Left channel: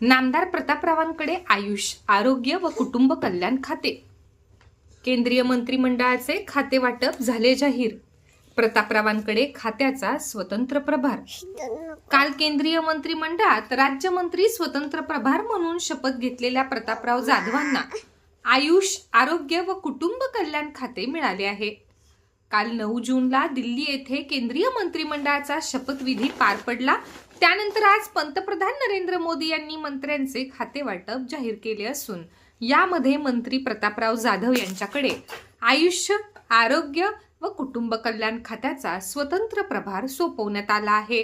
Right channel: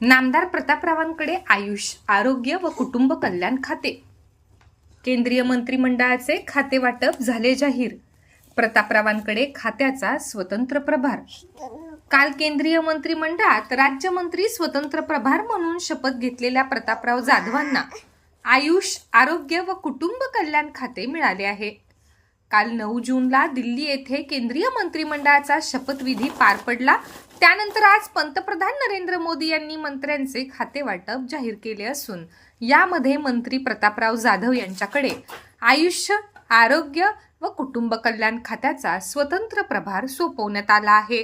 नामदार प्रतापरावांकडे आयुष आरोग्य व कुटुंब कल्याण खाते. केंद्रीय मंत्रिमंडळाचे खाते वाटप झाले जाहीर. प्रतापरावांकडे खात्याचा स्वतंत्र प्रभार. काल केंद्रीय मंत्रिमंडळात राज्यमंत्री स्वतंत्र प्रभार म्हणून शपथ घेतलेल्या प्रतापराव जाधवांना आयुष आरोग्य व कुटुंब कल्याण खाते मिळाले आहे. काल नऊ जूनला दिल्ली येथे केंद्रीय मंत्रिमंडळाचा शपथविधी पार पडला. त्यानंतर आज पंतप्रधान नरेंद्र मोदी यांनी मंत्र्यांचे खाते वाटप जाहीर केले असून यामध्ये मंत्री प्रतापराव जाधव यांच्याकडे आयुष्य आरोग्य व कुटुंब कल्याण खात्याचा स्वतंत्र प्रभार सोपवण्यात आला आहे.